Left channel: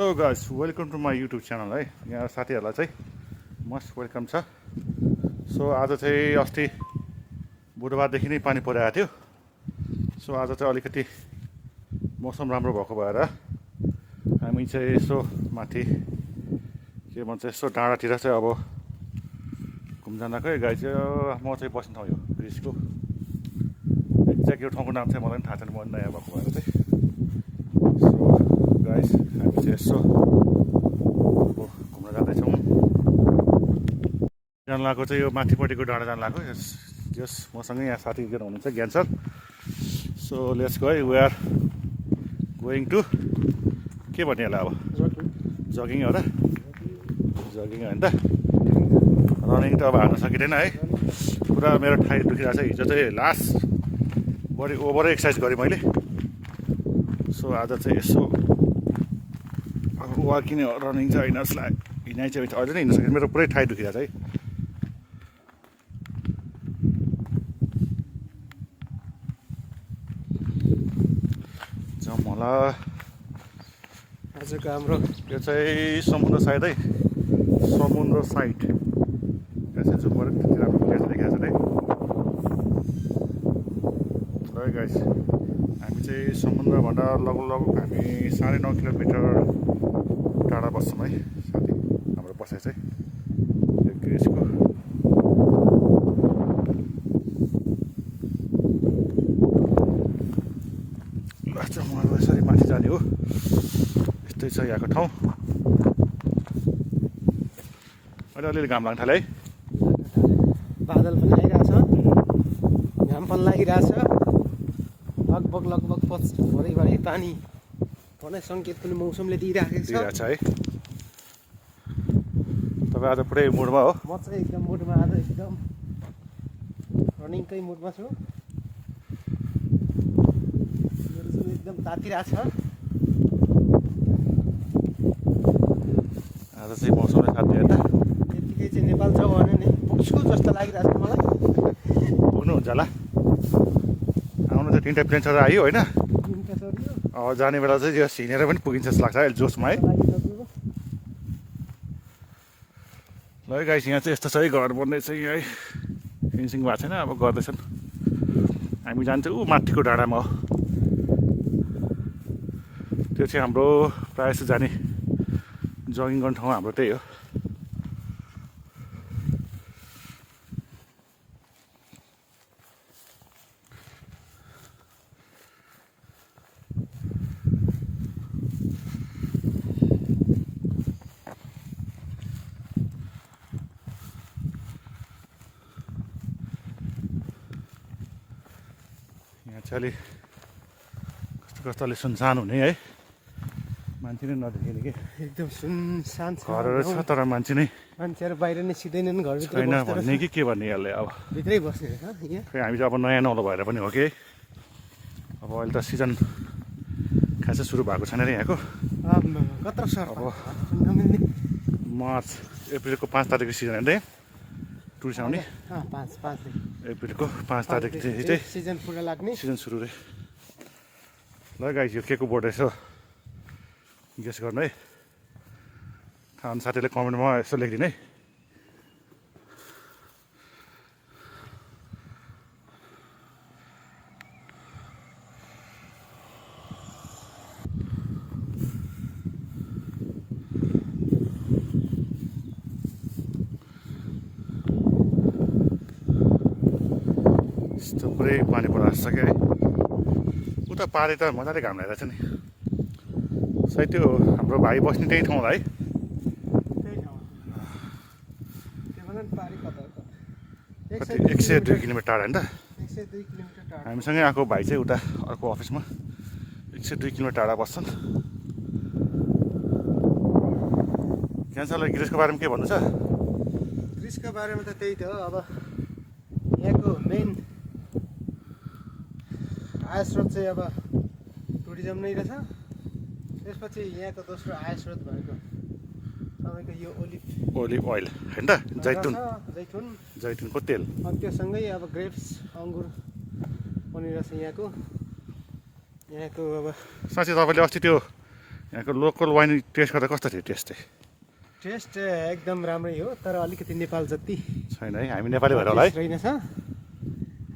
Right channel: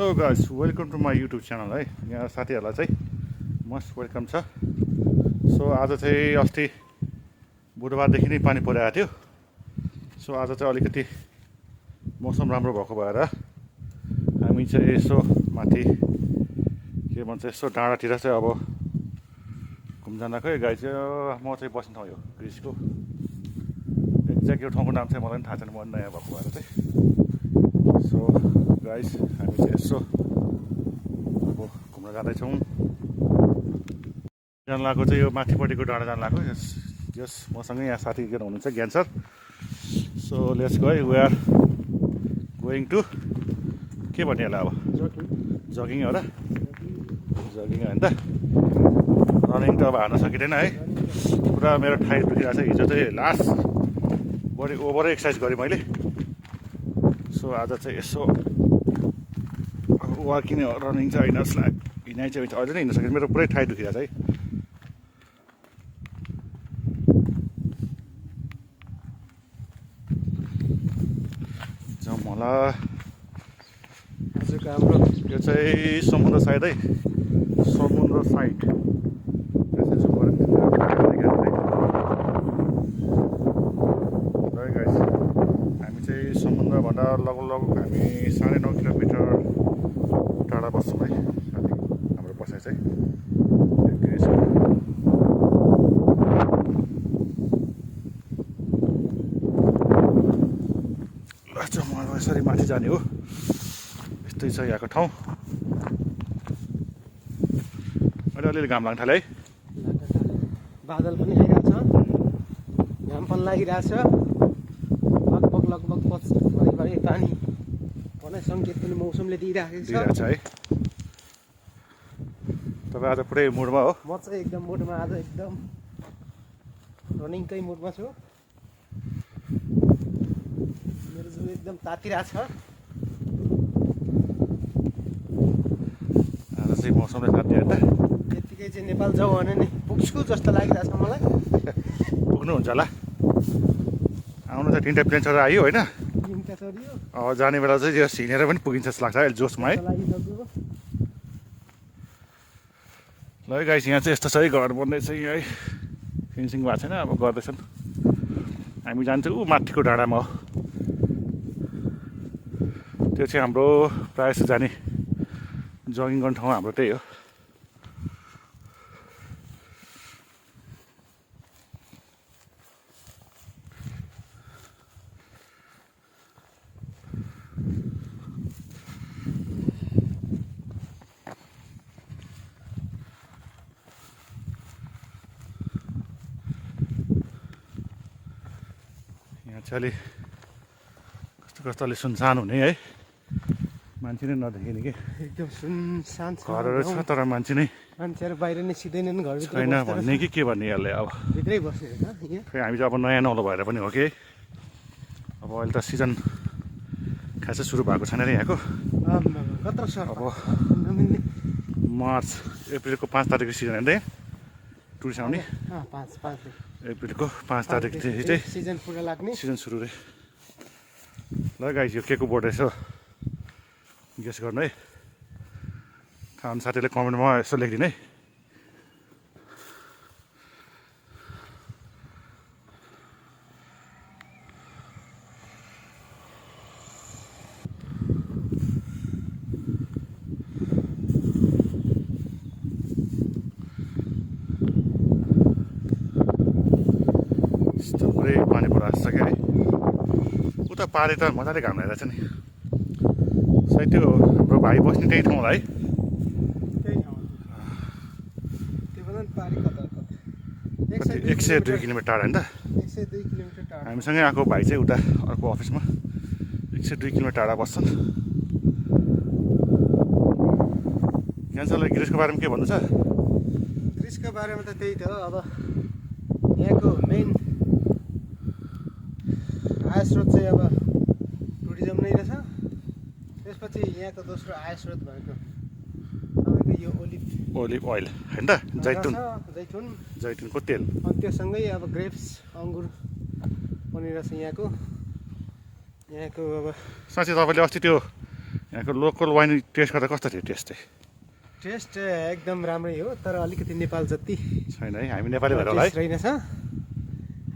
Hello guys, welcome to my YouTube channel है। यहाँ साथीहरूलाई चाहिँ मस्ट वेलकम छ। सो आज चाहिँ अस्ति बुधबारदेखि नै पानी परिरहेको थियो। सो आज चाहिँ अलिकति मौसम राम्रो भएको भएर हामी चाहिँ यसो माथि के भन्छ यसो डाँडातिर चाहिँ अब घुम्जानको गाई चाहिँ म चाहिँ बस्ने ठाउँ यो ग्रिसको एक्ज्याक्ट यो ठाउँको नाम चाहिँ मलाई पनि थाहा छैन, म नयाँ भएको भएर चाहिँ। सो गाइस हामी चाहिँ यसो अब घुम्न जाँदैछौँ। जान लागेको चाहिँ यो माथिपट्टिको डाँडा जान लागेको। यस मसँगै यहाँ साथी एकजना हुनुहुन्छ Gyan sir. So let's go, we are going to के भन्ने होला अब जगिङ हो र, जगिङ होइन त, रनिङ त अब हार्न सकिँदैन है। पुरा मेरो ठाई दुखिरहेको छ। हिजो चाहिँ लास्ट बडी ओभरै एक्सर्साइज गरेँ मैले। सो आज चाहिँ यसो अब वाकिङ रनिङ चाहिँ होइन जस्तो लाग्यो। हिँडाइ चाहिँ अहिले नै हिँड्न सकेँ, मेरो पुरै ठाई दुखिरहेको छ है। जाउँ होला। यो चाहिँ समुद्र साइड है, समुद्र साइड यहाँ चाहिँ जुम गरेर त्यतिर देखाएको छ है गाइस। हामी चाहिँ समुद्रभन्दा लगभग हामी 9.5 किलोमिटर टाढा बस्छौँ है साथी। हाम्रो बसाइ चाहिँ ग्रिसको लास्ट म यसरी माथि जाने हो। यस्तै छ यहाँको ठाउँ। अहिले अलिअलि घाम लाग्न थाल्यो है। बादल पनि आइरहेको छ, घाम पनि लागिरहेछ। लगभग भोलिबारी पानी पर्ने सङ्केत पनि मौसमले दिइरहेको छ है। तपाईँ आज पुरै मुडमा हो? म चाहिँ एकदम मुडमा, आज एकदम रनिङकै मुडमा छु। मेरो जिउ एकदम तातिरहेछ। आज चाहिँ मौसमले साथ दियो त। यतिकै चाहिँ नेपाल जाउँ भने नि पुग्छु जस्तो लागिरहेछ मलाई। पुग्नुहुन्छ होला। आउनु त 3टा प्लेन चढेर आयो होइन। जाने बेला चाहिँ यो हिँडेर पनि पुगिन्छ जस्तो लाग्छ अहिले जोसमा है। ल गाइस, यहाँ चाहिँ यस्तो छ है, घर बन्दैछ यहाँ है। फिनिसिङ भएको छैन, अब गर्दैछन्। हामी जान्छौँ ऊ माथिको डाँडामा हो। त्यो चाहिँ हाम्रो प्रायः जस्तो जाने जगिङ गर्ने ठाउँ हाम्रो त्यही हो। यहाँ चाहिँ अलि कस्तो अलि सुनसान हुने है, मान्छे नै नदेखिने कि। एकदम सुनसान घरहरू छ तर मान्छेहरू बाहिर निस्किँदैनन्, घर छैन भन्ने कि के भन्ने यसले। अब भित्रै बस्ने खै हामी चाहिँ अब नयाँ नौलो भएर पनि हो कि। अब अहिले त सिजन खासै सुरु भएको छैन अरे यहाँको। अब मार्च अप्रिलको 5 तारिकको सिजन होइन त टुरिस्ट आउने। अप्रिलको 5 तारिकदेखि चाहिँ सिजन सुरु रे। ल गाइस, यो के को बोर्ड रहेछ गेस गर्नु है। थाहा हुने साथीले कमेन्टमा यसो लेखिदिनु है। यस्तो पुरै पानी परिरहेको छ क्या है। उता पारि त मजाले घाम लगाइरहेछ नि। सायद त्यो हाम्रो भाइ बस्ने त्यही ठाउँ होला है। 102 किलोमिटर टाढा होइन त। 102 किलोमिटर टाढा। हामीसँगै आएको भाइ चाहिँ उता अर्को अफिसमा 102 किलोमिटर टाढा बस्छन्। क्यान्सरलाई ग्रिसको बारेमा के भन्नु छ? ग्रिसको बारेमा त त्यही त हो। अब यहाँको मेन आय स्रोत चाहिँ अब टुरिज्म नै रहेछ। त्यसपछि यहाँको दोस्रो आय स्रोत भनेको तपाईँको यो ओलिभ ओइल होइन त, जैतुनको तेल। अनि त्योसँगै अब ग्रेप्स, अङ्गुर पनि रहेछ यहाँको। अब साँच्चै तपाईँले अस्ति त्यो यहाँको लोकल वाइन टेस्ट गर्दा कस्तो थियो टेस्ट चाहिँ टेस्ट एकदम राम्रै हो तर अलिकति नेपाल जति छैन है हामी नेपाली भएर होला है रहेनछ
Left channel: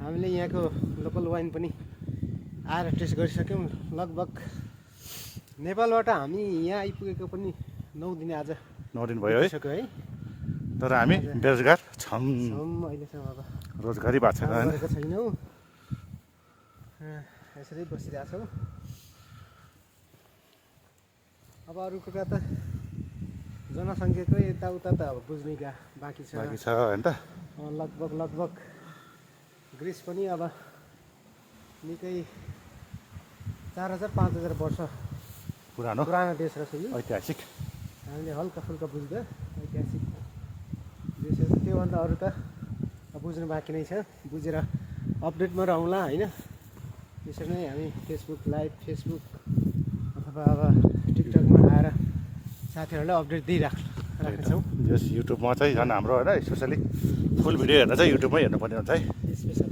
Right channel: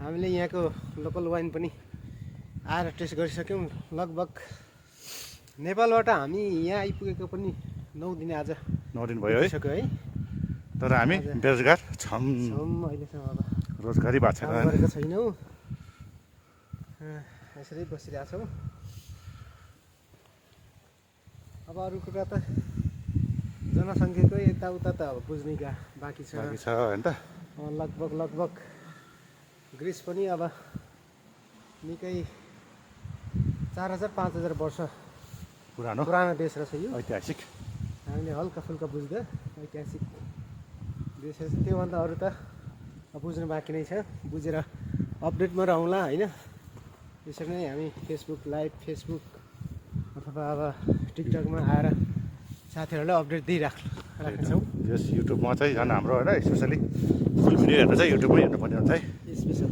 हामीले यहाँको लोकल वाइन पनि आएर टेस्ट गरिसक्यौँ लगभग नेपालबाट हामी यहाँ आइपुगेको पनि 9 दिन आज 9 दिन भयो है सक्यो है तर हामी बेरोजगार छौँ अहिलेसम्म अब रोजगारी भएको छैन होइन गरेको छैनौँ यसरी बसिरहेको छौँ अब अरू कुरा त जनसङ्ख्याकै यताउता त अब बुझ्ने बाँकी छ बाँकी छ होइन त लगभग ग्रिस पनि अब निकै 4000-5000 वर्ष पुरानो देश रहेछ यो ऐतिहासिक हामीले हल्का फुल्का बुझ्दा ऐतिहासिक देश रहेछ त्योभन्दा अरू त बुझ्नु बाँकी नै छ बुझेर अपडेटमा रहँला होइन यसरी नै हामी फेसबुक लाइभ फेसबुक अथवा अब टिकटकमा आएर साथीहरूलाई अपडेट दिइराख्छौँ यस युट्युबमा चाहिँ झन् हाम्रो होइन स्पेसली फुल भिडियो हेर्दा चाहिँ युट्युबमै हेर्नुपर्ने हुन्छ है स्पेसल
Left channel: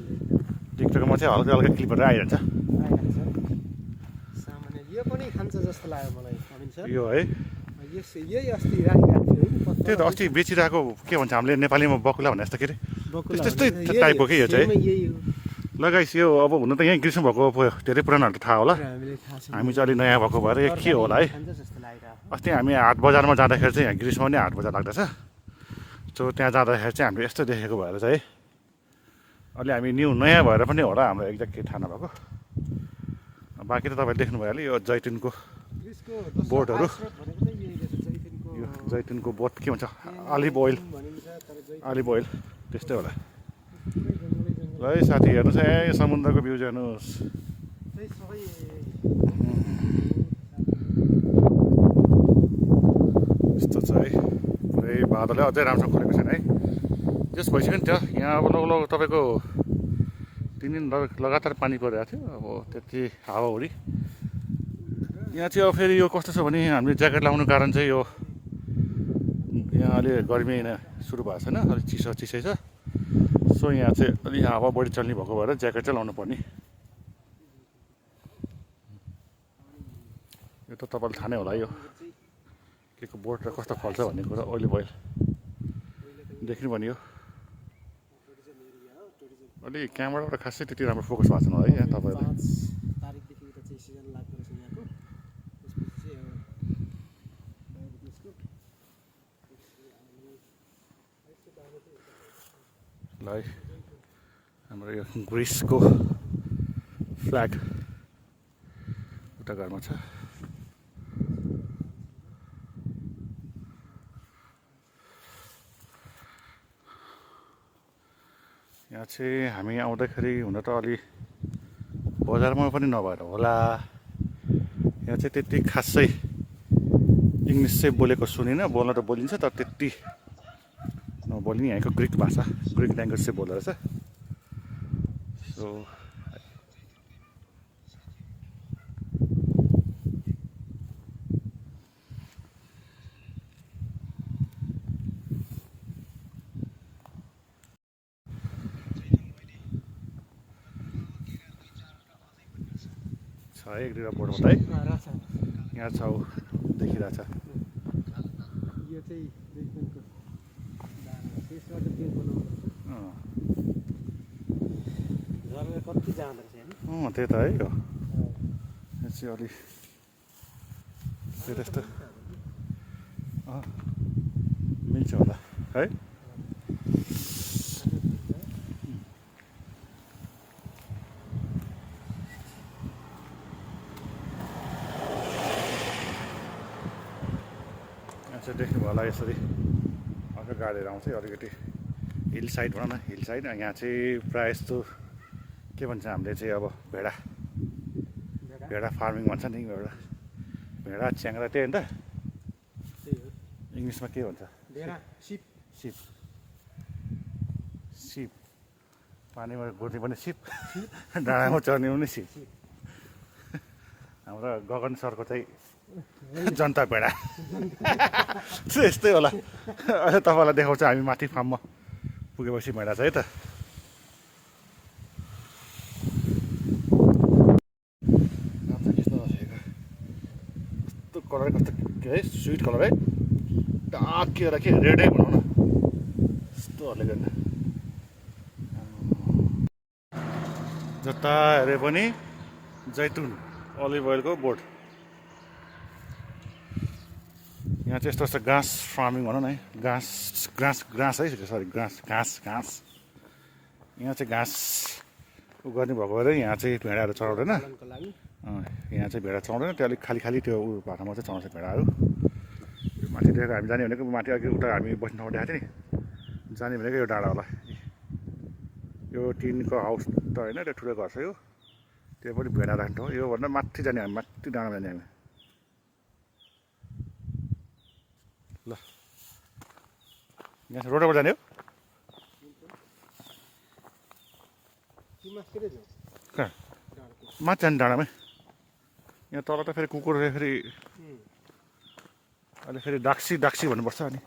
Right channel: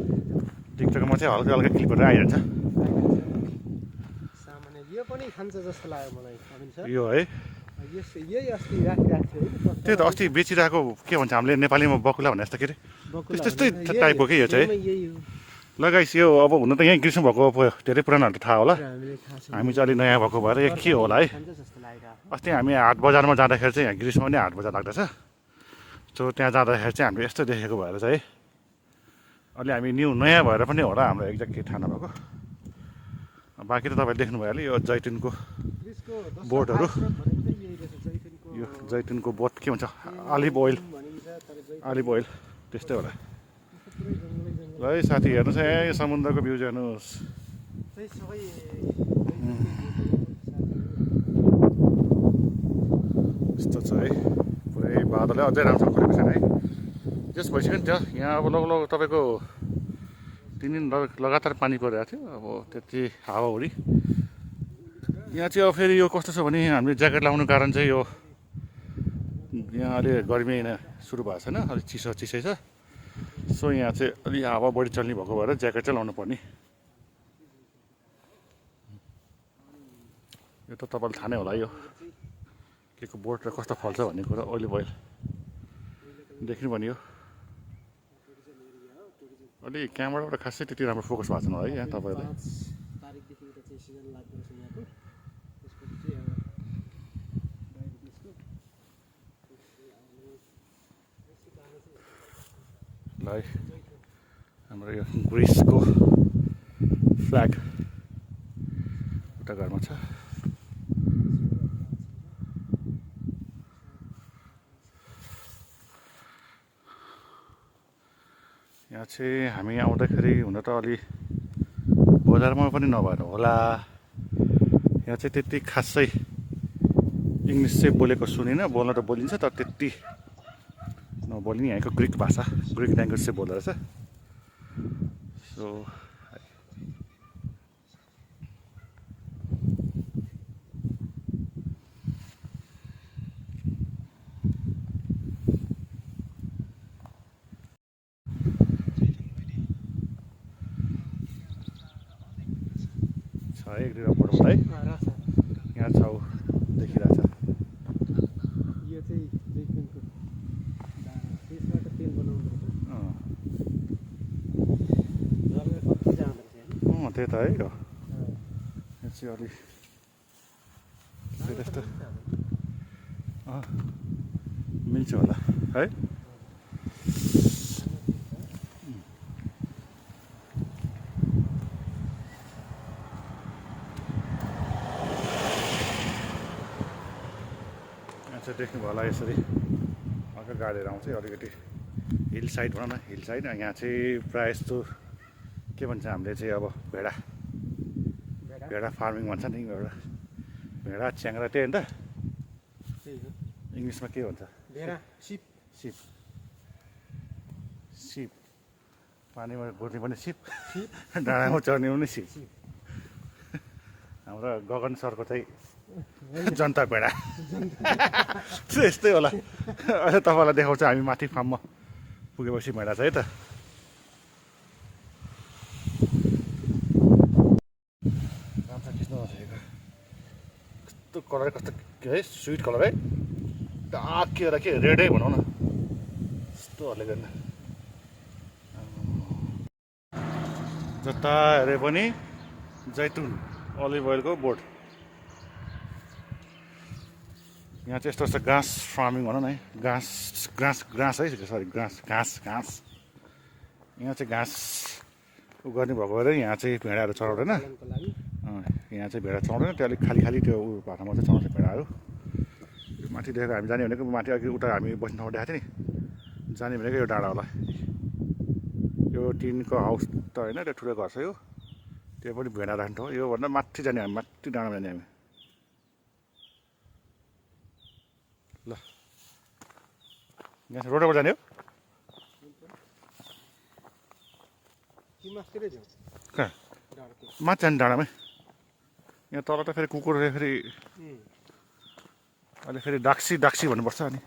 टिकटकमा चाहिँ हल्का हल्का क्लिपहरू आइरहन्छ सामान्य यो पनि खान्छ जस्तो लाग्यो मलाई अविन सर यो है यही अस्ति राखिरहेको थियो त्यही त अस्ति बेचिरहेको के भन्छ हामीले नेपालीमा बकुला भने जस्तो के अरे त्यस्तै टाइपको के यो चाहिँ लगाइस यो अब हुन त यहीँ ग्रीष्म भएको धेरै पुरानोहरू त थाहा होला हामी चाहिँ अलिक नयाँ भएको भएर यो के होला है अस्ति हामी हाट बजारमा जाँदाखेरि चाहिँ यहाँ ग्रीष्ममा नै हाट बजार लाग्दछ सो त्यहाँ जाँदाखेरि चाहिँ हामीले यस्तो देखेको भएर चाहिँ अलि हामी नयाँ भएर पनि होला हाम्रो एक्ज्याक्ट केही थाहा नभएको बाँकी त तपाईँले देख्नुभयो होला यो जैतुनको बोटहरू यो जैतुनको बोट के भन्छ अलिभ ओइल त्यस्तै होला ल है साथी हेर्नुहोस् है समुद्रको भ्यू हेर्नुहोस् यस्तो छ है पुरै बादलै अझै राम्रोसँग खोलेको छैन है जस भइसक्यो नि त्यो यहाँ अब लगभग तपाईँको 3 दिन लगातार पानी परिरहेको थियो अब त्यति हावाहुरी यहाँ चाहिँ अब फेरि यो कस्तो छ भने हामीले ज्याकेट लाउनु कारण चाहिँ यो यहाँ अलि गर्मी सुरु भएको छैन अलिक चिसै छ सो यहाँ चाहिँ अलि हावा बढी चल्ने भएको भएर ज्याकेट चाहिँ लाउनु पर्ने यो त तपाईँलाई थाहा नै होला यो के को बोट र कस्तो फल्छ भन्ने कुरा ओइल देख्नु पर्ने हो अलि क्यामेराबाट खासै त्यति राम्रो फोकस भएको छैन है यहाँ तपाईँलाई ल है हाम्रो यो ग्रिसको फ्ल्याग उता घरमा छ यहाँ चाहिँ हामी आउँदाखेरि हुन त अलि बजारमा पनि नभएर होला यहाँ चाहिँ त्यति खासै इङ्ग्लिस चाहिँ बोलेको सुनिनँ बोल्न त बोलिन्छ तर त्यति नबोलिने यहाँको ग्रिक भाषा ग्रिक ल्याङ्ग्वेज चाहिँ बोल्दो रहेछ सो छ एक दुईवटा बोर्ड है यहाँ छाउ देखिरहेछ यो चाहिँ जैतुनको दाना त्यसबाट तेल बनाउँदो रहेछ घरमा कति जाँदो रहेछ होइन त्यही त है यो चाहिँ अलि त्यस्तो मिल्छ होला है चाहिँ देख्नुभयो होला यसरी अर्को गाडीहरू आउँछ अलिकति हिल साइड भनौँ न हिल साइड यहाँ चाहिँ प्रायः जस्तो के भन्छ हामीले चाहिँ अब भेडा फार्मिङ भन्छ नि भेडा च्याङ्रा त्यही हो नि त इङ्ग्लिसमा के भन्छ सिप पानीमा बोल्ने पनि सिप डाँडामा चढ्ने पनि सिप हाम्रो गगन सरको चाहिँ जनता भेडा यस्तै होला अहिले तपाईँलाई देखाउँछ हामी माथि फार्ममा पुगेपछि भेडा छ है त कस्तो कलर कलर कस्तो है स्विट कलर है डाकेर के रेडै भनौँ न यस्तोहरूले गर्दा जता हेरे पनि जैतुन अलिभ ओइलको बोर्ड यहाँ चाहिँ यस्तो यस्तो घाँस फार्मिङ भनौँ न है घाँस है सरी घाँस यहाँ चाहिँ घाँस गर्ने भएको भएर यहाँ चाहिँ भेडाहरू चढाउँदैन यहाँ चाहिँ भेडा चढाउँदैन त्यो अलिक खाली त्यो भाटामा चाहिँ चढाउँछ भेडाहरू माथि देखेको हामी जाने भनेको माथि अघि उता हामी बस्ने ठाउँ देखाएको थियो नि जाने भनेको यो डाँडा होला यो टिनको हाउस त होइन त्यो ठुलो घर छ यो त्यो पनि भेडा राख्ने ठाउँ योभन्दा माथि जाने हामी माथि डाँडामा जाने हामी ल यहाँ रोडबाट जाने हो कहाँ माथि जाने डाँडामै यहाँ तल त फेरि कुकुर फेरि अहिले फेरि डाक्सी भन्नुपर्छ अनि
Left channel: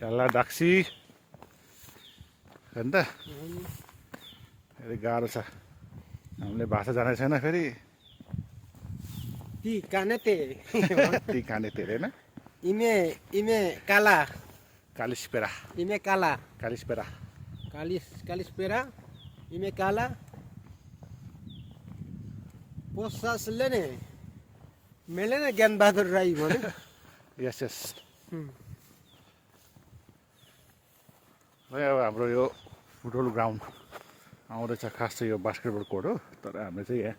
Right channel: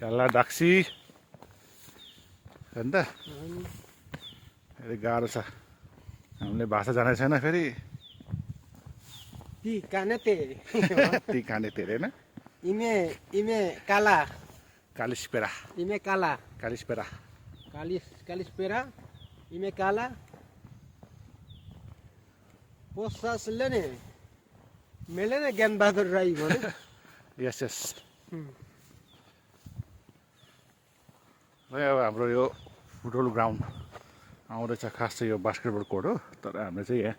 याला डाक्सी हो नि त फेरि गाह्रो छ हामीले भाषा जानेको छैन फेरि ती काने तेरे होइन इमे काला कालिस्पेरा इमे काला कालिस्पेरा कालिस्पेरा इमे काला पोसासले ने मैले नै ज्ञानबहादुर राई भन्यो यस अब हाम्रो यो फुटबल ग्राउन्ड आउँदैछ खास चाहिँ यो बास्केटबल कोर्ट हो तर हामीले चाहिँ यहाँ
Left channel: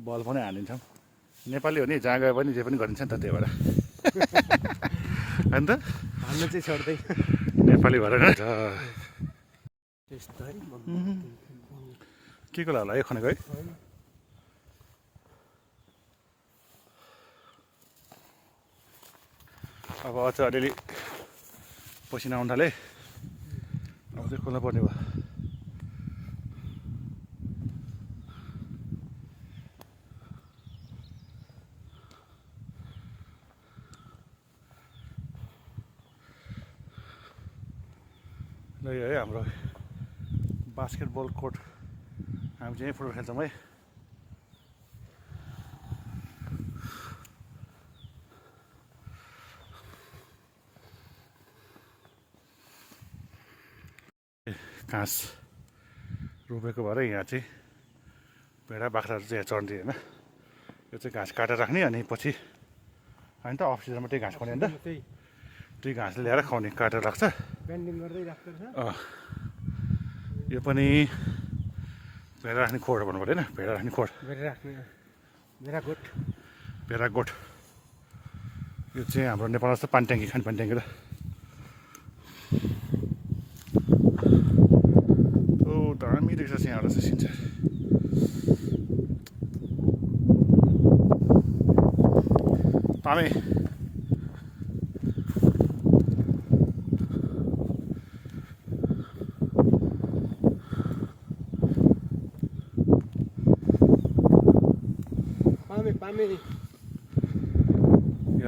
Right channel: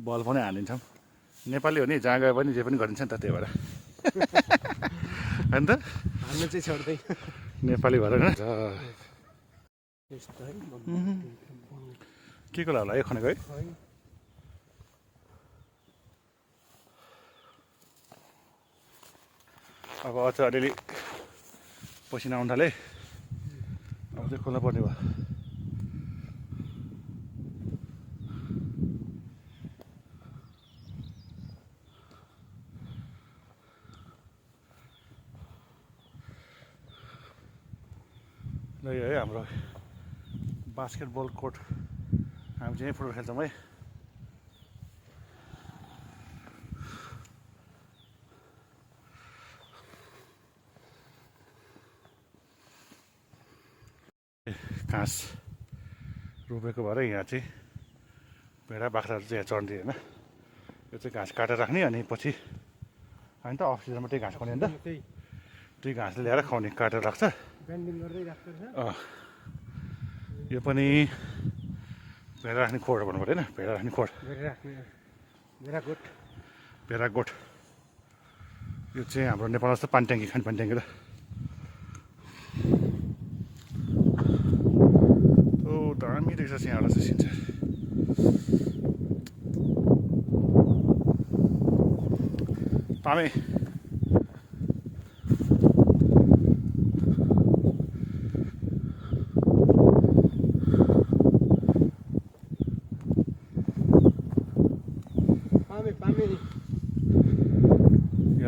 बल पनि हानिन्छौँ नेपाली हो नि जहाँ गए पनि जे पनि गरिन्छ नि त त्यही भएर होइन त हाल्नु चाहिँ छोड्दै नेपाली भएर होइन के को होला यो खनेको है अब अझ अलिअलि पसिना आउनु थाले अब चाहिँ खोला पर्ने भयो ल यो है हाम्रो बास्केटबल कोर्ट हामी चाहिँ फुटबल खेल्छौँ है घाँस रोपेको भएर यहाँ चाहिँ भेडा बाख्राहरू चाहिँ यहाँ चढ्ने होइन यो चाहिँ घाँस काटेर राख्ने अनि पछि होइन त अफ सिजनमा त्यही घाँस खुवाउने होइन त त्यही घाँसले ल्याएर खुवाउने काटेर राख्छ यो पनि भेडा राख्ने खोड भन्नु पऱ्यो होइन भेडा राख्ने खोड भेडा गोठ यो चाहिँ हाम्रो नेपालमा जस्तो पानी ट्याङ्की खाने पानी ट्याङ्की र दामी देख्छ यहाँबाट चाहिँ सिन्छ पामे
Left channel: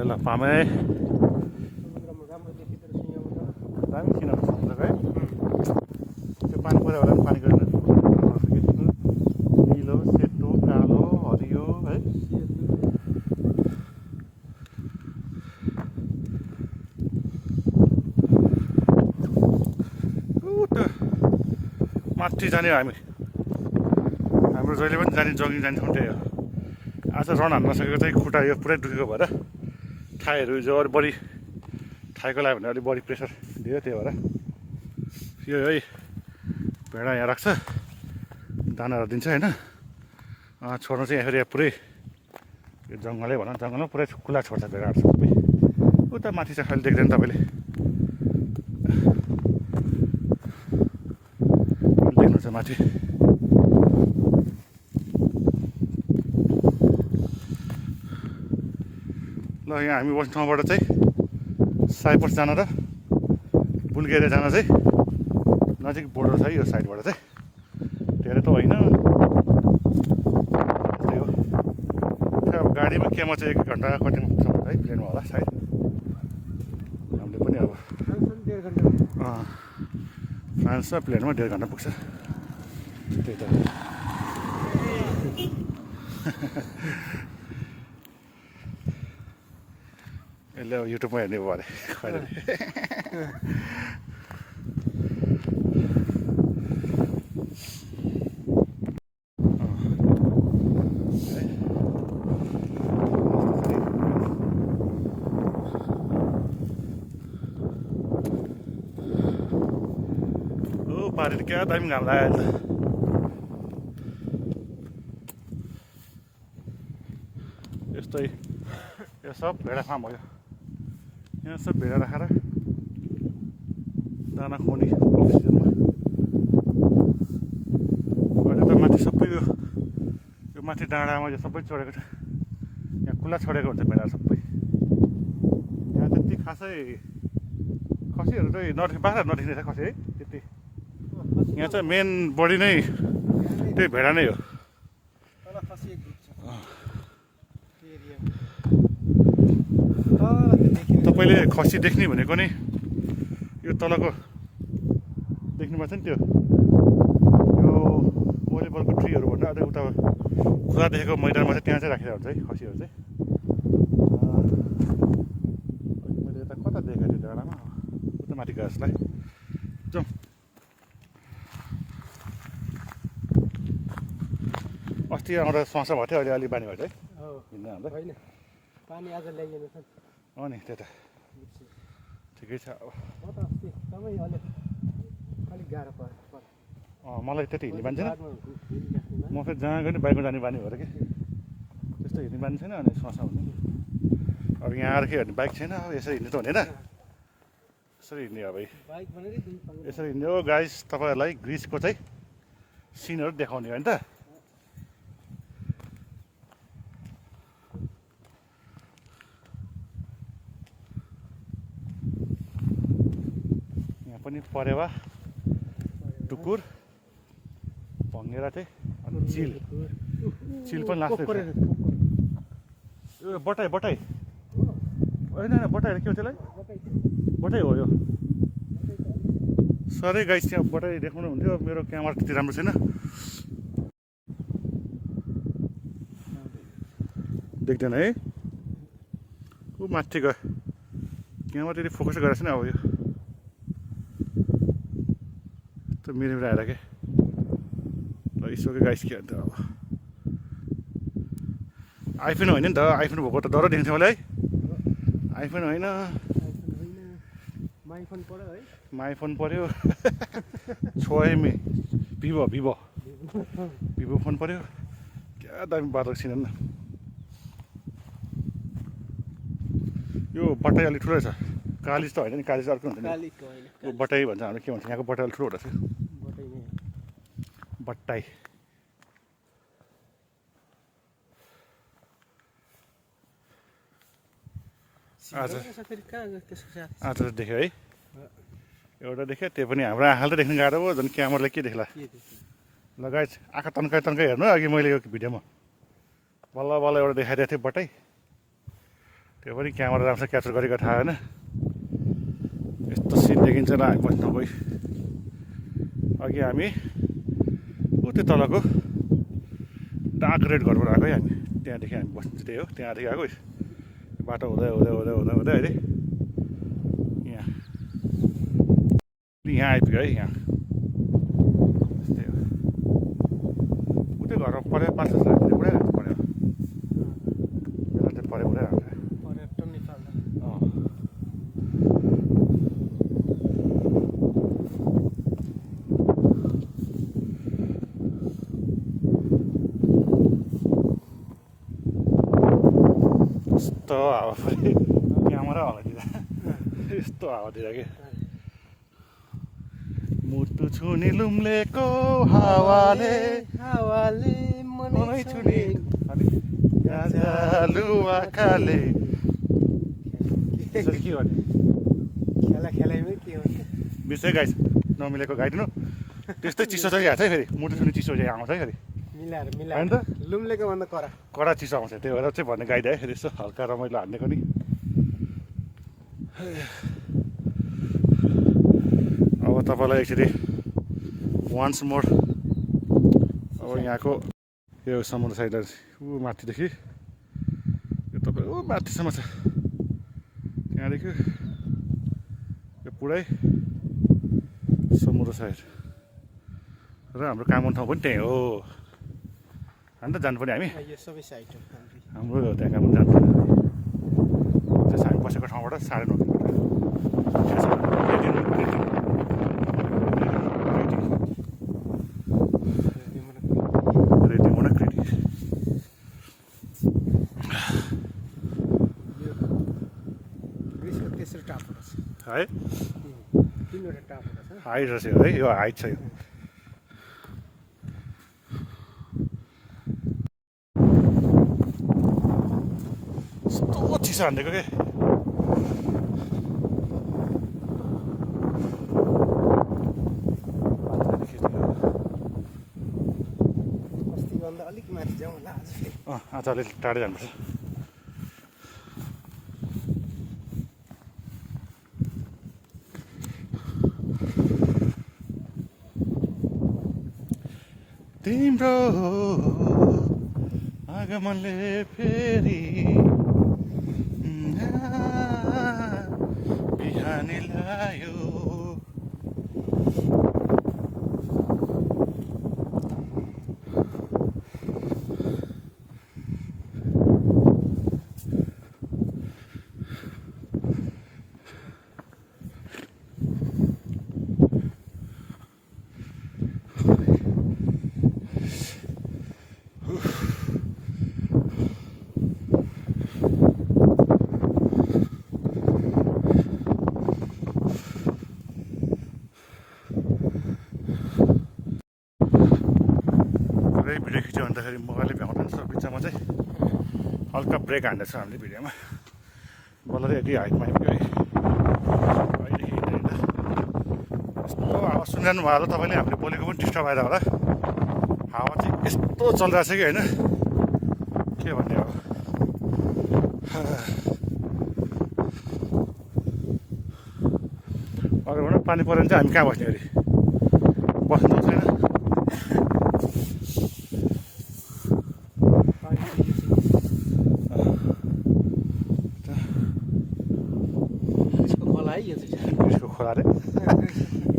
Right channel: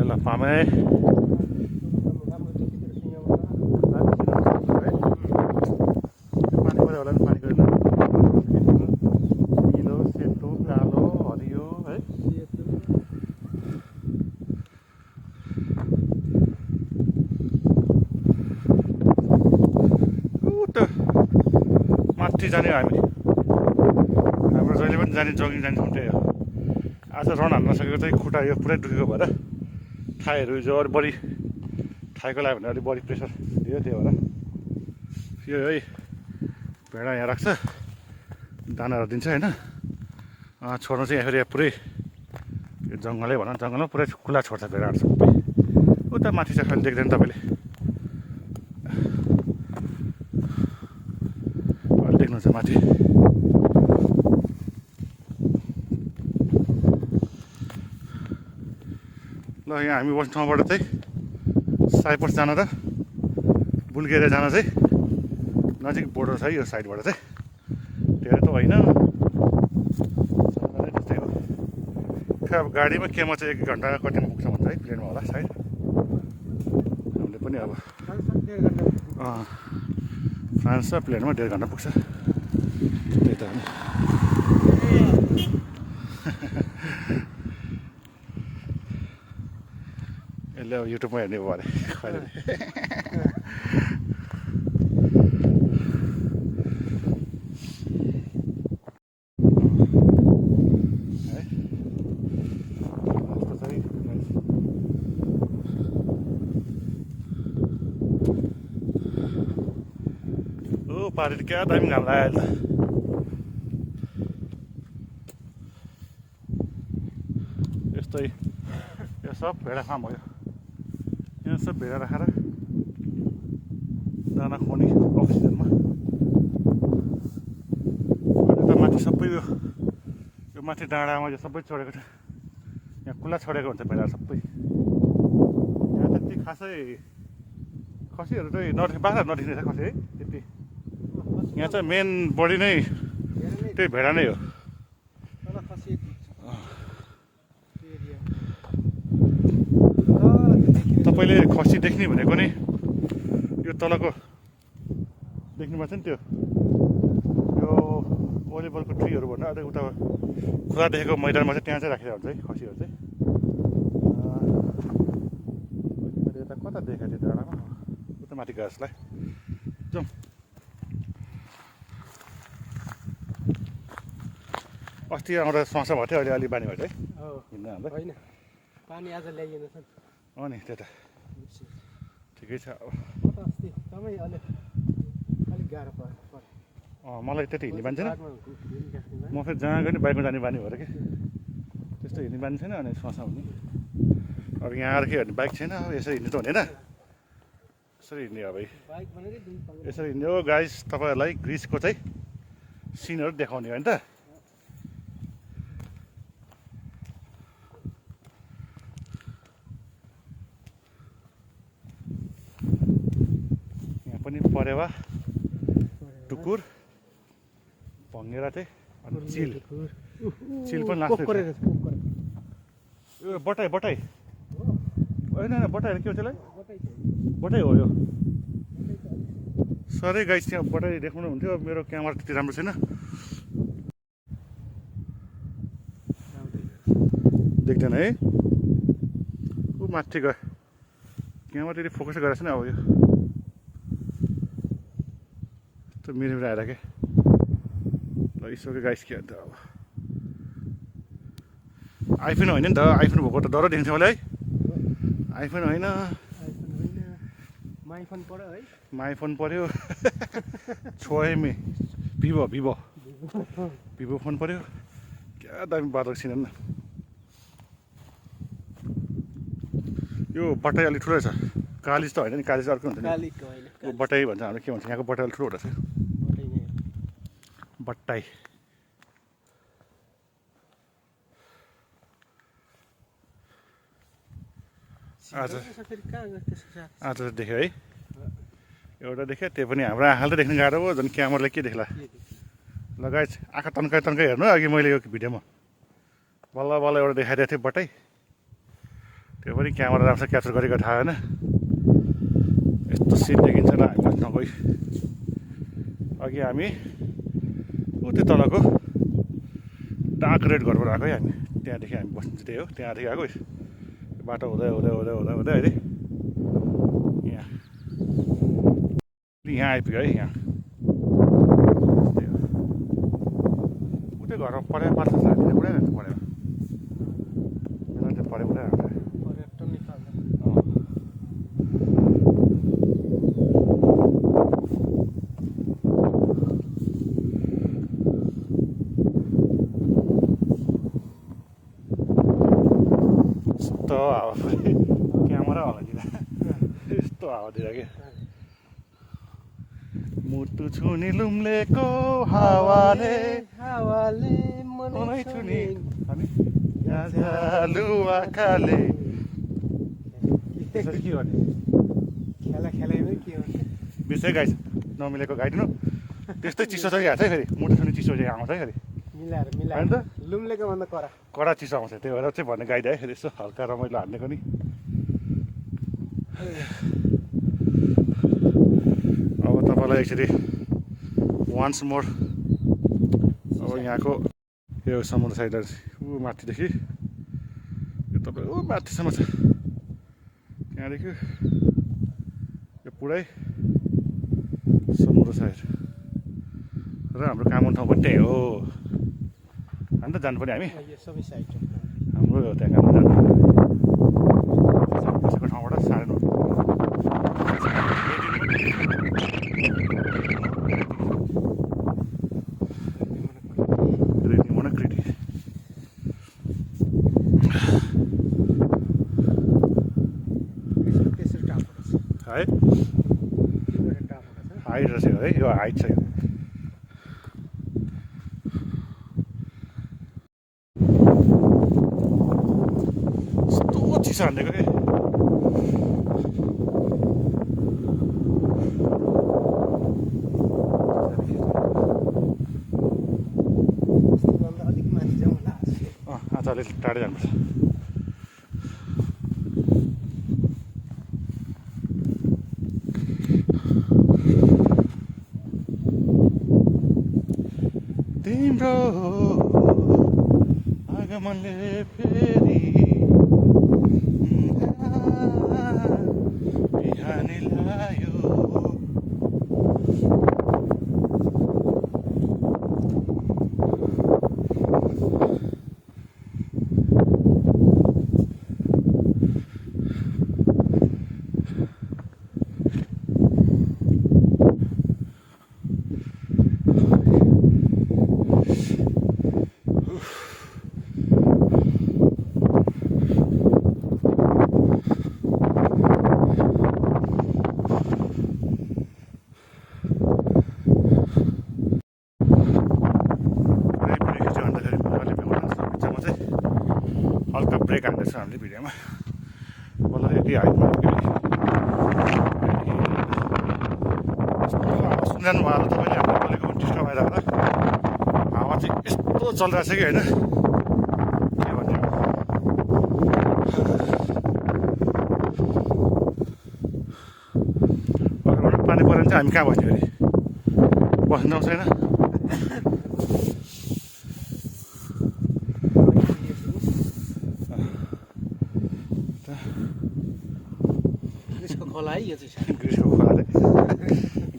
ल पामे पानी पऱ्यो होला नि पानी गरेर निलो सेतो कालो हरियो है माथि जाने हो हामी हाम्रो जहिले पनि जाने जगिङ जाने ठाउँ त्यही हो आज रन हान्न सकेको चाहिँ खुट्टा यो पुरै दुखेको भएर थाईहरू जो अलिक बढी थाईको लाग्यो भने अलिक बढी प्रेसर दियो त्यही भएर यो है भेडा यहाँ राख्छ दानाहरू दिन्छ होइन छोड्नु चाहिँ यहाँ फेरि पुरै यो जङ्गलै भनौँ जङ्गलमा पुरै खुला छोड्छ भेडाहरू सबै उता माथि चाहिँ खालि देख्दैन तपाईँले देख्नुहुन्छ माथि ल यहाँ हामी बस्ने ठाउँबाट चाहिँ साइप्रस जान र बुल्गेरिया जान चाहिँ नजिक बोर्डर छ यो साइडबाट चाहिँ धेरै त होइन त्यस्तै हो खै अब गाडीमा केमा चाहिँ 1 घन्टा कतिमा पुग्छ भन्छ है प्लेनमा होला सायद हामीले पनि अब फ्रान्स र प्लेनमा 1.5 घन्टा पुग्छ त्यही त यसले अब युट्युबमा हेर्ने भयो अरे खैरले पारि त क्या दामी घाम लाग्यो अहिले त यस्तै यो सब भेडा फार्म हो यो यहाँ सब भेडा राखेर दाना खुवाउने अक्सिजनमा अहिले त माथि सबै यो माथि डाँडामा यो सबै छोडेको छ यहाँ खुल्ला छोडेको हुन्छ भेडा सबै यहाँ त्यति खासै खसीहरू चाहिँ बाख्राहरू नदेखिने छ खसी है त्यति यहाँ चाहिँ मेन बडी नै त्यही भेडा नै हो तपाईँले खसी देख्ने भनेको नि यो तलको देख्नुभएको छ नि त्यो यो वरिपरको ट्रीहरू भन्दा अझै उता खुला देखेको मैदानमा चाहिँ त्यहाँ चाहिँ राखेर हुन्छ है खसीहरू चाहिँ मैले यता कता देखेको थिएँ डाँडामा उता माथि गयो जसलाई जाउँ अस्ति आउँदा समस्या भएको थियो अहिले अलिक बानी भयो है हिँड्दा हाल्दा होइन पानी आज ल्याइएन छ अँ नि त्यता ठिकै छ अब म त अस्ति एकदमै अलिक गाह्रो पर्यो मलाई त्यति हिँड्ने बानी छैन म फेरि जहाँ गयो नि बाइकमा जाने बानी भएर कि त्यस्तो हिँड्ने बानी छैन अनि समस्या हुने अब यहाँ आएर के गर्ने बाइक छैन अब यसरी हिँड्नु त हुने होइन यसरी हिँड्ने अब यसरी हिँड्ने हो गाइस तपाईँहरूलाई ग्रिसको चाहिँ सिनहरू देखाउने हो नि त पनि परेवा टुकुर भँगेरा चाहिँ अनि चिल पनि लाग्छ यो बटाई होइन होइन बटाई के हो त्यसलाई बटाई हो यो सधैँ गाइस त्यहाँ बटाई देखाउनु हुन्थ्यो मेरो क्यामेरा त्यति राम्रो छैन देख्दैन है ऊ माथि गयो क्यामेरा त्यति फोकस गरेको छैन अब यो त मेरो आएर के यसो गाइस के अन्त अब आइफोन होइन नि त आइफोन भएको त डर देखिन्छ मलाई है आइफोन होइन माइफोन पऱ्यो छोएमी भिभो फोन पऱ्यो क्या दामी बाटो छिन न यो बटाई अलिक ठुलो छ कालिज त होइन नि कालिज अर्को हुन्छ नि बटाई भन्छ हाम्रो के भन्छ यहाँको बटाई अलिक ठुलो रहेछ बट्टाई आज देख्यो है एउटा देख्यो त्यो पनि हाम्रो आँखाले त देख्नु गाह्रो हो झन् क्यामेराले के देख्ला लगाइ आँखा तन्काइ हेर्नु अघि मैले यो भिडियोमा बल्ल बल्ल एउटा देखाइदिएको थिएँ बटाई त्यो पनि क्यामेरा राम्रो क्याप्चर गरेको थाहा होइन यस्तो सिन देखिन्छ न हामी बस्न गइ अघि हामी ऊ त्यो तलको डार्क रेड घरबाट आएको है हामी त्यहाँदेखि हामी बस्नु चाहिँ त्यही हो त्यहाँदेखि आएको बाटो हुँदै अहिले यहाँ आइपुग्यो है यहाँ उतै घरमा पढाइ पाल्छ हामीले उडाइरहेको पढेर बेला चाहिँ पढाइ उडाइरहेको यस्तो हावा पनि क्यामेरा हलाइदिँदा यस्तो हावातिर के मुटु छुनी लुम्लेको हावाले मनै छुनी आँखाले के गर्ने खेलाइमै के हो बिर्सै गाई नमिलेको गाइदिनु त्यस्तै चिसो चाहिँ हाल्छ है फेरि मुटु छुनी चिसो चाहिँ आउँछ है फेरि मिलाएर त लुम्लेको भन्दा कडा चिसो आउँछ त्यही भएर चाहिँ भन्ने गाइदिए फेरि यसो हल्का रमाइलो हान्नेको नि अब तपाईँलाई एकचोटि वान्स मोर अब यहाँको यो समुद्र साइड ऊ माथिदेखि यो तपाईँ ऊ माथिसम्म छ त्यहाँदेखि यो पुरै समुद्र साइड र हाम्रो कामन ठाउँ पनि त्यही हो अन्त जानुपर्ने हामी यो सबै साइड हो हाम्रो त्यहाँ काम जानुपर्ने त्यस हामी बसेको ठाउँबाट 9:30 कृति मुना कृति तेस्रो टापो छ है तीनवटा टापो छ हाइट रहेछ है यो हाइट छ यो यस्तो चिसो हान्दिएको के अस्तिभन्दा अलिक माथि जाउँ होला आज अलिक टाढै जानुपर्छ तिम्रो आगमनले फेरि बिहानी लायो हल्का ब्रेक हान्दैछ हामीले भिडियोमा बल्ल चाहिँ यति हाइटमा यस्तो हावा सुनिरहनु भयो होला तपाईँले हामीले बोलेको पनि डिस्टर्ब आएर होला हावा चाहिँ यस्तो चलिरहेको छ कि होइन के भन्ने अब अगाडिबाट पानी पऱ्यो भने चाहिँ हामी कहाँ बस्ने अरे बस्नु छैन ग्रिसको खोला रे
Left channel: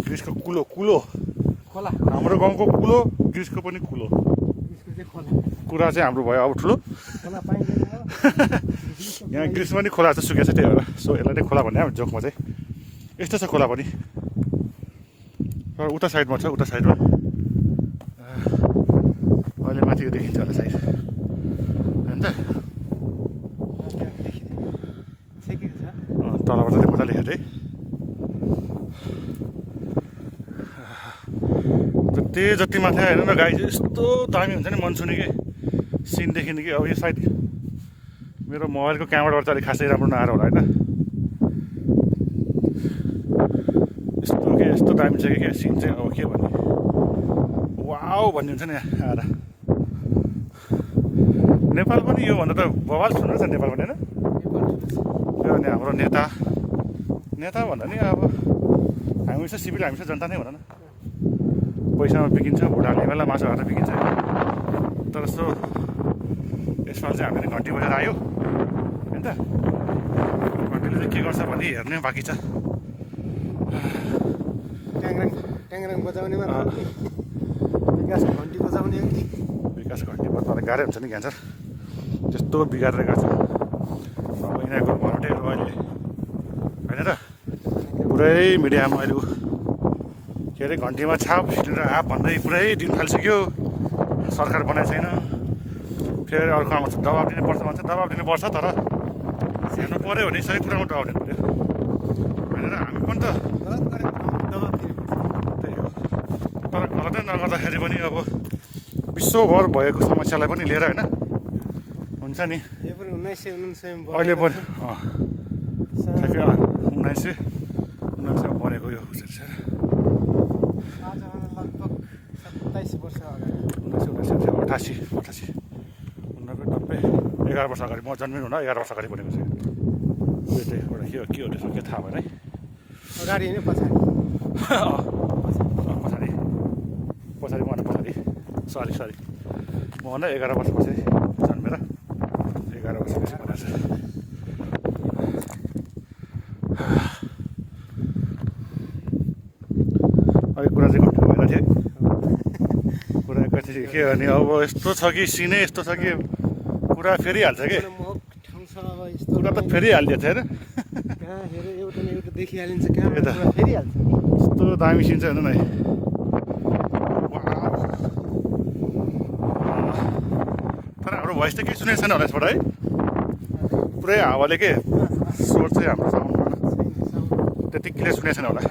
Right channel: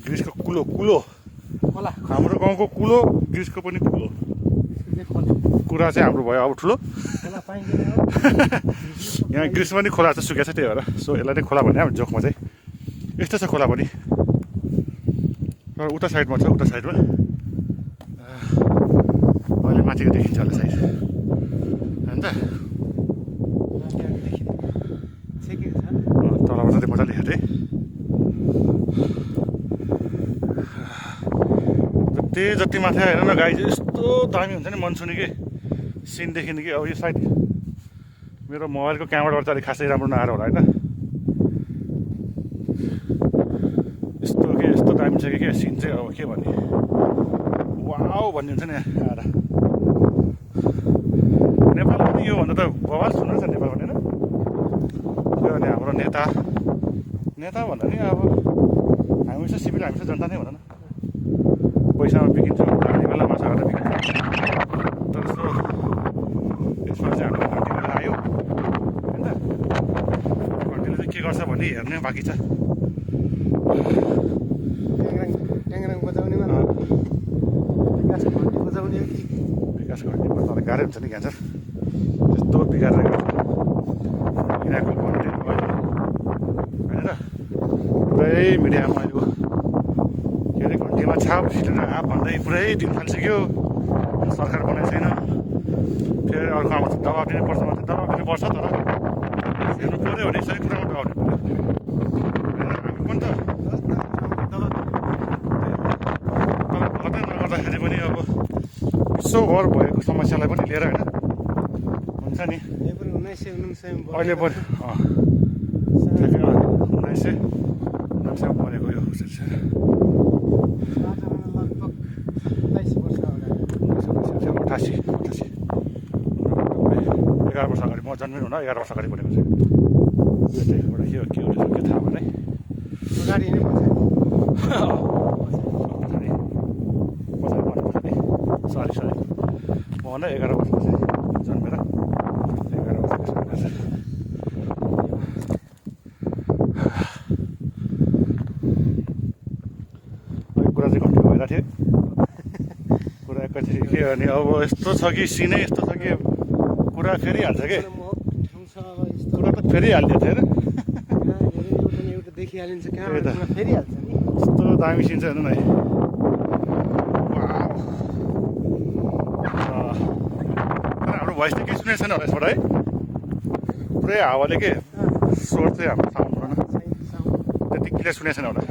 ग्रिसको कुलो कुलो खोला हाम्रो गाउँको कुलो ग्रिसको पनि कुलो कुरा चाहिँ हाम्रो भयो अब ठुलो खोला पाइँदैन यहाँ ग्रिस पनि खोला चाहिँ सुकेको छ त्यही भएर सो यसलाई चाहिँ खोला भन्ने अब जोकमा चाहिँ यस्तो छ खोला पनि तर उता साइडमा छ उता साइडमा अहिले माथिको देखिन्छ होला साइड होइन त तलबाट चाहिँ मजाले हेर्दै त्यही जति माथि हेर्नु न गाई चाहिँ यस्तो दामी हुन्छ नि मनसुनी कि सिन देखिने कि अब यो साइड मेरो मोबाइलको क्यामेराबाट चाहिँ अलिक खासै राम्रो नआएर होला होइन यस्तो के यस्तो दामी छ कि क्या सिन चाहिँ अब के भन्ने वाउ भन्ने हुन्छ नि आएर नेपाल पनि योभन्दा त बवाल सुन्नु छ नेपाल पनि होइन यो अनि हाम्रो नेता नेता भन्दा नि अब हामी चाहिँ सिभिल हामी चाहिँ जनता नै भन न पैसामा बिकिन्छ उडाउने बेला मासु हालेर बिकिन्छ तर यस्तो यसमा चाहिँ हामीले घन्टी बजेर आयो होइन त घन्टीले चाहिँ के गर्छ भन्ने हेर्ने बाँकी छ ट्याङ्ग्राङ बजाउनेमा विकास घन्टी बजाउने विकास घन्टीमा तर गाह्रै हुन्छ नि क्यान्सर त्यस्तो बिगारेर गर्छ यिनीहरूको घन्टी अहिले होइन र पुरै मिडियामा अहिले के अरे घन्टीमा छाप हिटेर आप भन्दै पुरै दिन थालिसक्यो सरकार बनाएको छैन फेरि अर्को आउँछ दबाब दिनुपर्छ भन्छ दबाब दिनुपर्छ तर हेर्नु पऱ्यो भने सही कुरामा दबाब दिनु पऱ्यो होइन हामी पनि त तर गलतै नगर्दाखेरि पनि अब विश्वभर भएको समस्यालाई पनि लिएर होइन हुन्छ नि अहिले पनि ठ्याक्कै 1999 बनेको यो अठासी 11 वर्ष अगाडि म जन्मिनु हुन 11 वर्ष अगाडि बनेको थियो यो चाहिँ एउटा के हो त्यसको के थाहा भएन है पछाडि पछाडि सरी मभन्दा 11 वर्ष पछाडि जन्मेर 11 वर्ष पछि रहेछ। अहिले कुरा चाहिँ कस्तो भइरहेको थियो कुरा एकैचोटि के भने अब यस्तो छ कि सिनै यस्तो छ कि कुरा फेरिहाल्छ कि कुरा त फेरिहाल्ने थियो होइन देखिहालिन्छ क्यामेरा फेरिहाल्छ नि। कस्तो दामी सिन छ हेर्नु न है। तर हाम्रो भोइस त केही सुनेको छैन होला यसबाट है पुरै हावाले के स्वर चाहिँ हाम्रो साउन्डमा त्यति क्लियर सुनेको छैन होला।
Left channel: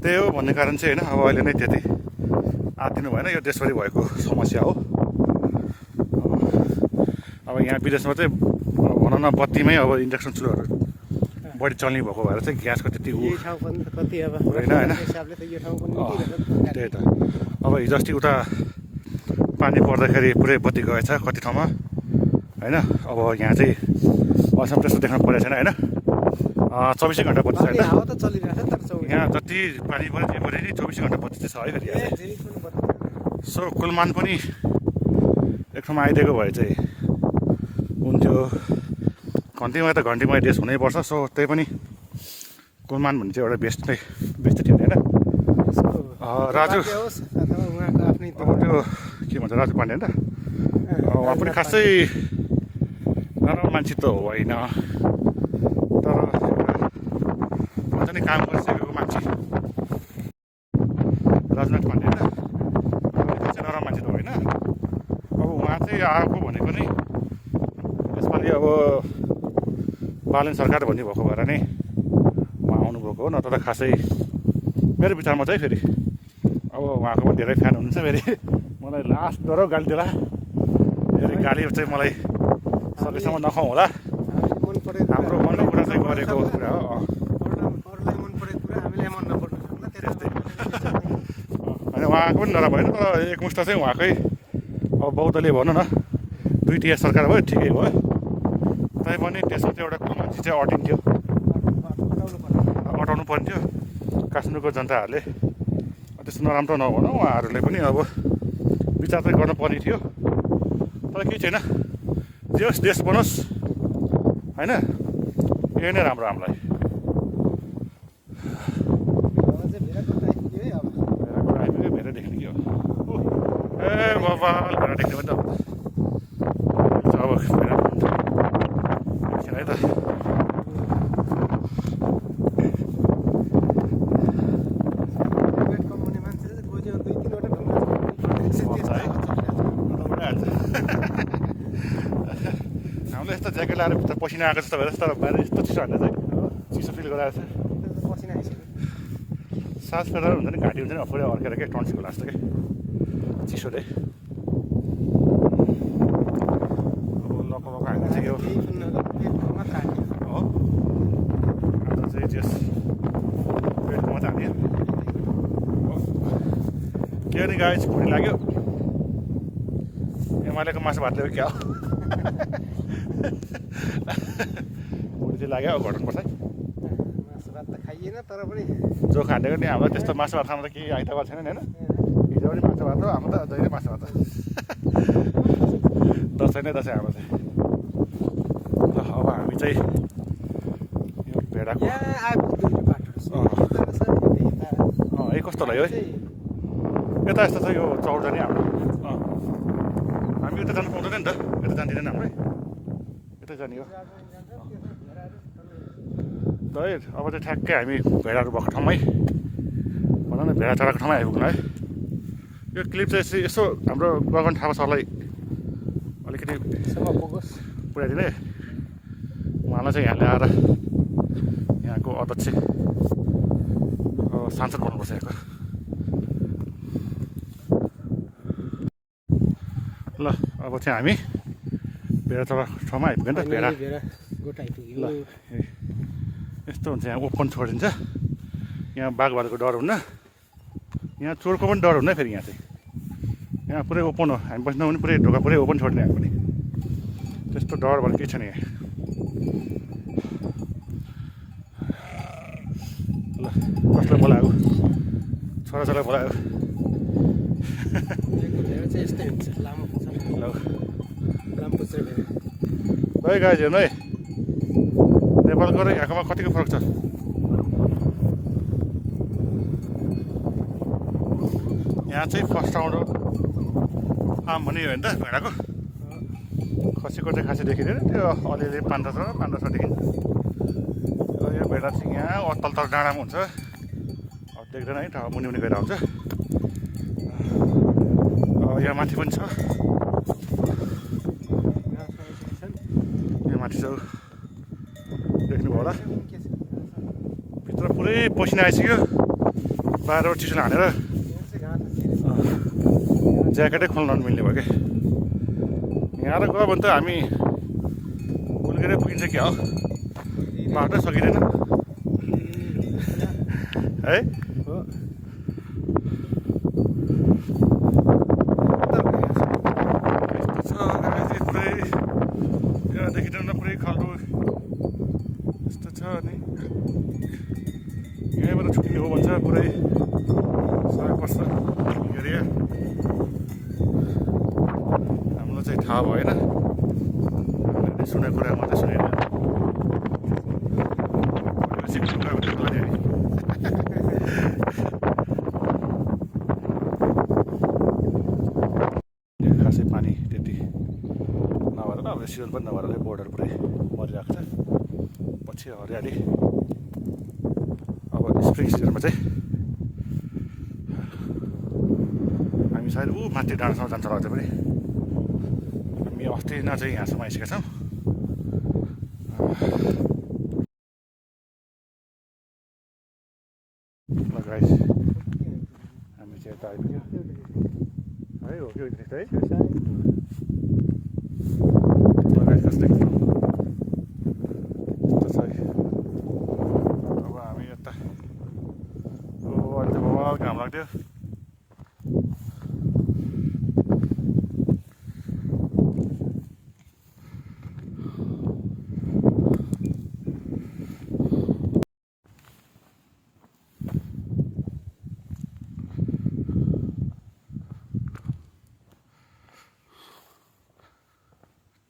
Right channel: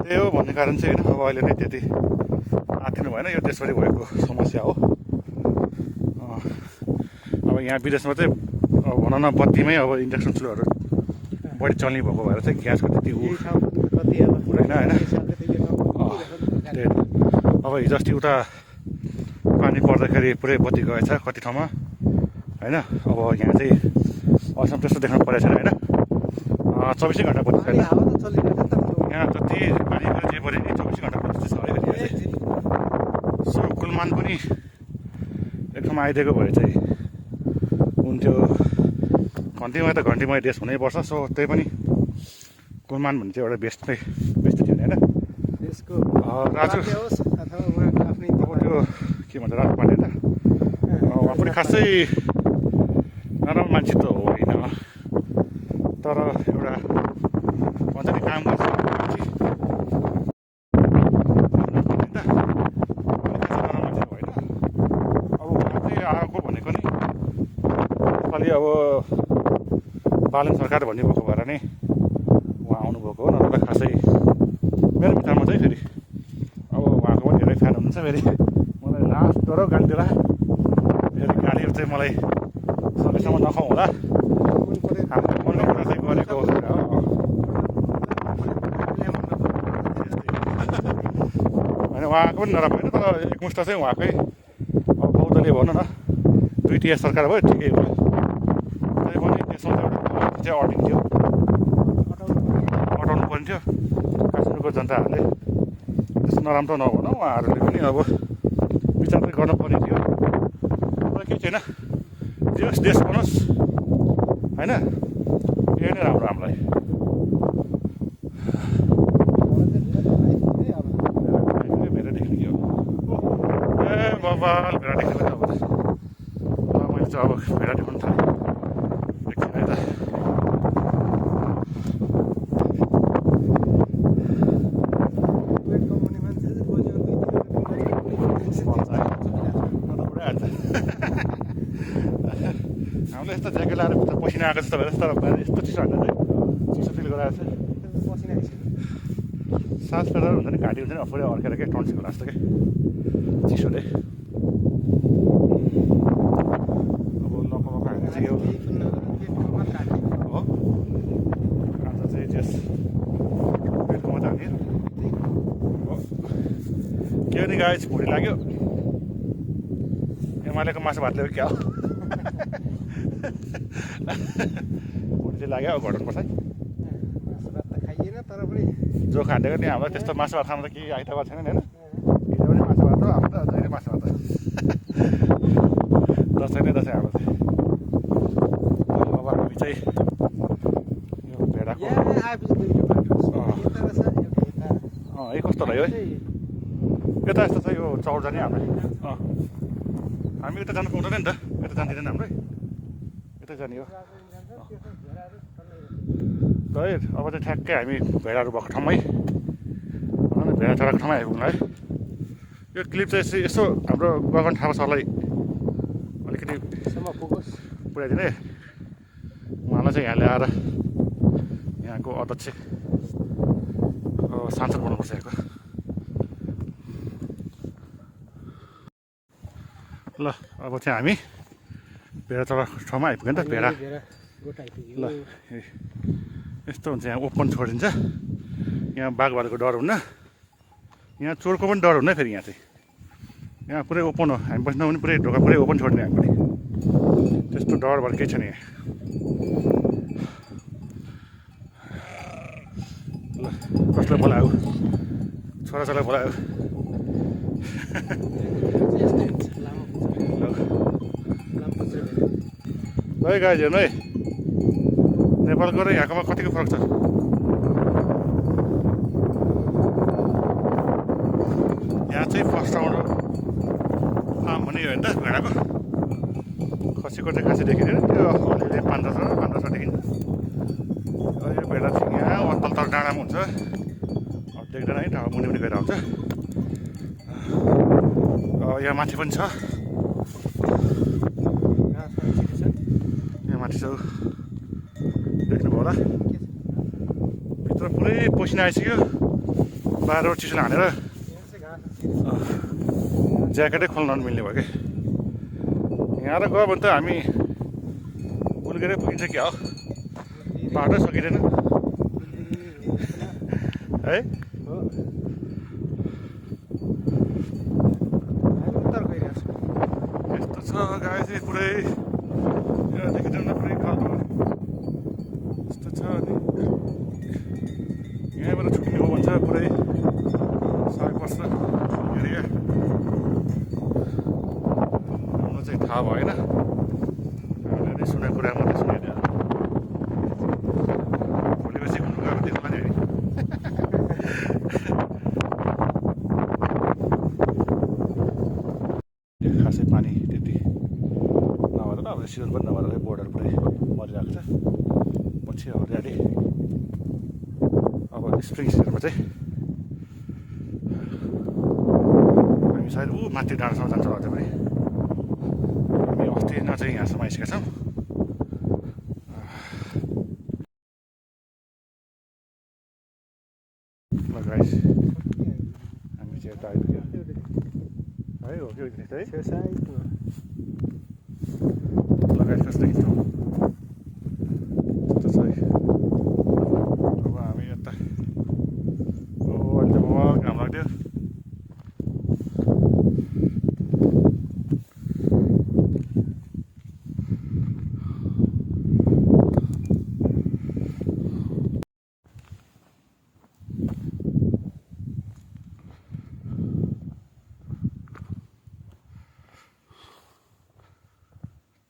त्यही हो भन्ने कारण चाहिँ होइन अब अहिले नै त्यति आत्तिनु भएन, यो देशभरि भएको समस्या हो। अब यहाँ विदेशमा चाहिँ भन न बत्तीमै अब इन्डक्सन चुलोहरू बढी चल्ने भएको भएर चाहिँ ग्यासको त्यति ऊ हुँदैन होइन। त्यही त अब हिजो अस्ति उता पानी पर्दाखेरि पुरै बत्ती गएछ कति ठाउँमा होइन। अब यहाँ चाहिँ असम त्यस्तो देख्न परेको छैन होइन, 24 घन्टा बत्ती छैन यहाँ। जति पानी पऱ्यो जे पऱ्यो नि 24 घन्टा बत्ती चाहिँ छ है फेरि यहाँ चाहिँ। सो कुलमान पनि एक ठाउँमा आइदिएको भए चाहिँ हुन्थ्यो। घन्टीमा त घन्टीमय देश हुनैपर्छ। सो त्यही पनि कुलमान भन्ने चाहिँ एउटा बेस्ट थियो होइन। राजु अब त्यो के भन्छ राजु पाण्डे होइन, उहाँ पनि खासै नराम्रो मान्छे त होइन तर एउटा भन्छ नि काम गरिसकेको मान्छे राजनाथ पाण्डे होइन, खासै नराम्रो मान्छे त होइन। अब उहाँ चाहिँ आएको भनेको नि यसपालि अब बालन सरकार भन्ने भएको भएर नै उहाँ आउनुभएको हो, नत्र त खासै मेरो विचारमा चाहिँ फेरि अब उहाँको पनि धेरै फ्यान हुनुहुन्छ। फेरि मलाई लास्ट डर गाली देला फेरि गाली चाहिँ मलाई सकेसम्म नखाउँ होला। हाम्रो मनको कुरा चाहिँ गरेको कुरा हो। होइन उहाँको पनि नराम्रो होइन तर एकमुष्ट चाहिँ उहाँकै अब बहुदलीय भनौँ न दुईटिया सरकार भयो ठिकै भयो। तैपनि त्यसमा चाहिँ एउटा कुलमती चाहिँ अटिन्थ्यो, हटाउनु पर्ने थियो। काश्मीरको जनताहरूले त्यस्तो नराम्रो नभनौँ, उहाँहरूले पनि अब विचार चाहिँ गर्नुपर्ने थियो। तर केही छैन, जे होस् देश बनोस् होइन, यही नै राम्रो हामीलाई। भेडा देख्ने के हो ए बाबा भेडा देख्ने पनि त अब भेडा देख्नु त एकछिन है त। हामीले यस्तो ज्याकेट लाएर भित्र पसिना आएको जस्तो भएर तर बाहिर यस्तो चिसो हाल्दा चाहिँ चिसो फिल गराएको छ। सास फेर्दा हुन्छ नि घाँटी हुन्छ नि पुरै अर्केर क्या टन्सिलको लाग्छ क्या चिसोले। अब लक हाल्ने चाहिँ हो आज चाहिँ त्यस पेटको मात्रै हाल्ने हो के हो नि गाई भुँडी लाग्यो एमालेको मासु भात ल्यायो क्या हो भुँडी चाहिँ लाग्यो घटाउनुपर्छ है। जो खाँडेको नि हामीलाई त्यस्तो मासु भात खानु त केही आइतबार छैन नि होइन। हिजो पनि मासु भात हो, हाम्रो त जहिले मासु भात हो। दसैँ नै दसैँ हाम्रो चाहिँ। अब हामी चाहिँ यो भेडाको है कस्तो लाग्यो है यता यस्तो छ यो चौर जाने हाम्रो। हामी उता जानु पाउँदैन नि त, यता जान्दिँदैन हाम्रो यतै जाने हो। है अब चाहिँ ठ्याक्कै हामी भेडाहरू भएको ठाउँमै भनौँ न भेडा चराको ठाउँमै आइपुग्नु है। यो क्लिप चाहिँ यसो हाम्रो गगन थापा सरलाई अलिकति पुऱ्याइदिने, उहाँलाई चाहिँ यहाँ ल्याएर यहाँको अध्यक्ष सांसद बनाउनुपर्छ यहाँको। ल अब चाहिँ हामी भेडा चराको ठाउँमा आइपुग्यो नि त। भेडा ल यस्तो हुन्छ यहाँ ओपन छोडिदिन्छ, यहाँ बाघ भालुको डर हुन्न, यहाँ चोरको पनि डर हुन्न। फेरि यहाँ चाहिँ यहाँ पुरै ओपन हो, हामी बस्नु पनि पुरै ढोका पुरै ओपन छोडिदिने हामी पनि, त्यस्तो डर भन्ने केही छैन यहाँ। ल ल कसलाई बोलायो छोराछोरीलाई बोलायो ल है गाइज हेर्नु है नेपालको र यहाँकोमा कतिको फरक छ यहाँ चाहिँ फर्स्ट राउन्ड आम भन्ने हो नि त भेडाको खसीको चाहिँ खासै देखिँदैन त्यो अलिअलि 5-10 देखिन्छ यो भेडा चाहिँ यहाँ तल डाँडामा हुन्छ अब देख्दैन है ठाउँ मुनि गएर आउँछ यहाँ माथि पनि छ यहाँ माथि छ देख्नुभयो होला भित्र पुरै पसिना आइसक्यो बाहिरबाट चिसो हानेर ज्याकेटै खोल्न नमिल्ने भयो क्या यहाँ र गयो भने त हामी उल्केरै पुगिन्छ क्या हो बाटो सकिँदैन है यस्तो छ गाई पुरै यहाँदेखि जाँदा पुरै खालको यस्तो छ अनि यहीँबाट छुट्ने हो भन्छ पुरै साग पर्छ एरिया हामीलाई चाहिँ थाहा भएन सुनेको कुरा मात्रै सुनेर खासै पानी त्यति नभएर अब सिजन पनि नभएर बोर्डर पुरै मरिरहेको छ पछि हरियाली अब स्प्रिङ सिजनमा चाहिँ हामी सायद माथि डाँडासम्म जान्छ होला चाहिँ पनि हामी अस्ति न चाहिँ यहाँसम्म आइसकेका छौँ ल गाइस हामी चाहिँ यता आइपुग्यो है हो कि है ल गाइस कस्तो देखिन्छ यस्तो छ अब हामी यता अहिले त बहुत घाम लाग्थ्यो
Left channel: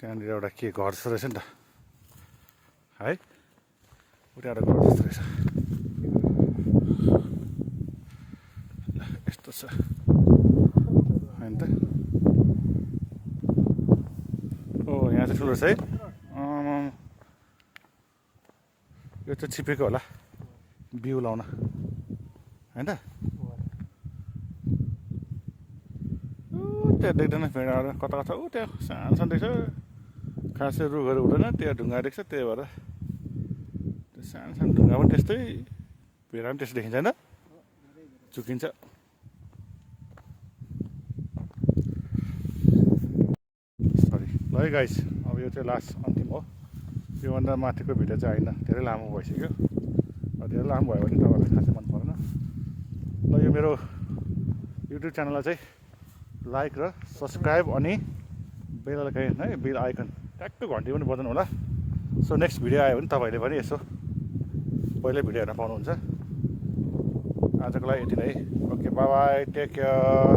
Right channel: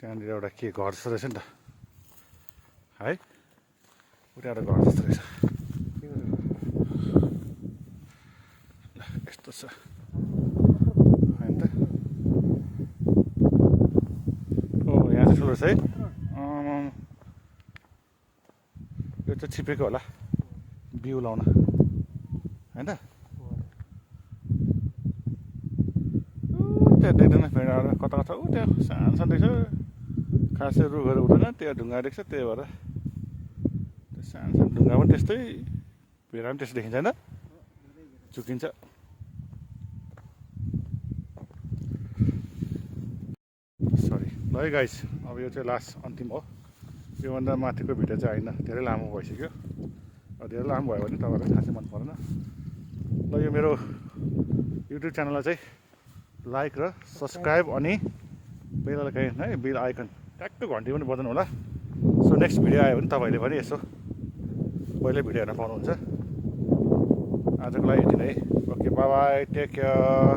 त्यहाँनिर एउटा के घर जस्तो रहेछ नि त है उता एउटा घर जस्तो रहेछ यस्तो छ होइन त ओ यहाँ चाहिँ ठुलो छ है यो चाहिँ छिपेको होला बिउ लाउन होइन त त्यहाँ देख्दैन भेडाहरू कता कता ऊ त्यहाँ सानो सानो देख्छ खासै रुखहरू हुँदैन त्यहाँ ढुङ्गा देख्छ त्यही भएर त्यो सानो सानो ढुङ्गा पनि त्यस्तै भेडा पनि त्यस्तो देखिन्छ होइन चुकिन्छ सरी ल है गाइस अब यो चाहिँ लास्ट अन्तिम हो योभन्दा माथिको भिडियो चाहिँ होइन धेरै लामो भइसक्यो धेरै लामो भयो भने तपाईँलाई खासै मन परेन ल यो मेरो युट्युब च्यानललाई चाहिँ लाइक र सब्सक्राइब अनि बेल आइकन है बेल आइकन ट्याक्क घन्टी पनि बजाउनु होला सो नेक्स्ट भिडियो आयो भने तपाईँले पनि यसो पहिल्यै भिडियो हेर्न पाउनुहुन्छ आजको लागि यति नै okay bye bye take care